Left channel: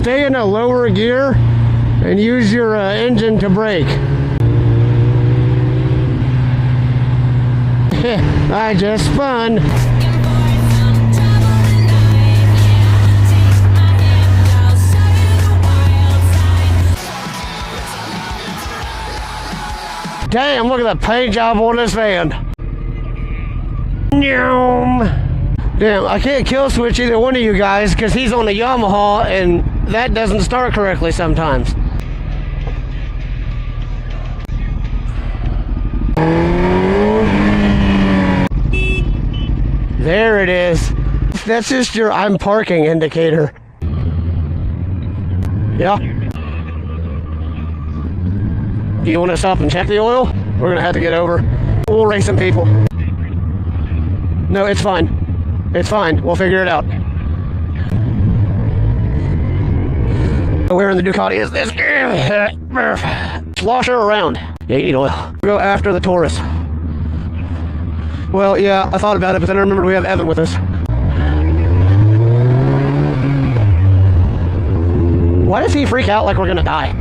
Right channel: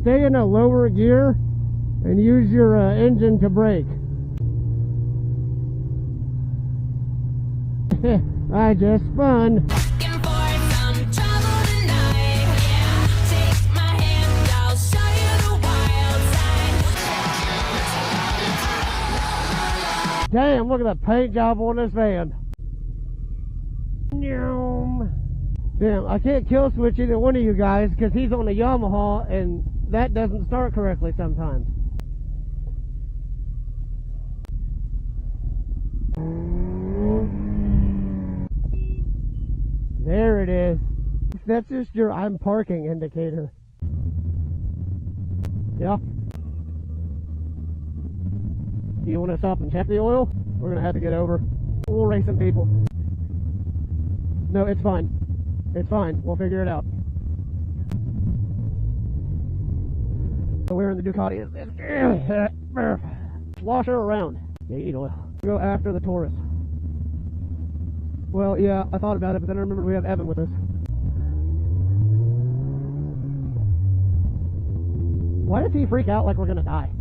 stay in a lower gear and use your engine to brake. I just spun. Damn, look at that paint job on this van. Damn, I can't kill switch either one of you guys because he's on the Yamaha and that doesn't start correctly sometimes. There it is. That's just your I'm parking indicator. Yeah. Do you want to stop and check the oil? We're going to have to get over. We'll race some people. No, it's fine. It's fine. We'll figure it out. Where in the Ducati is this? Slosh her around. Yeah, you need oil. Go after the Taurus. Well, yeah, I thought about it, but then I remembered we have Evan with us. Why does he freak out like we're going to die?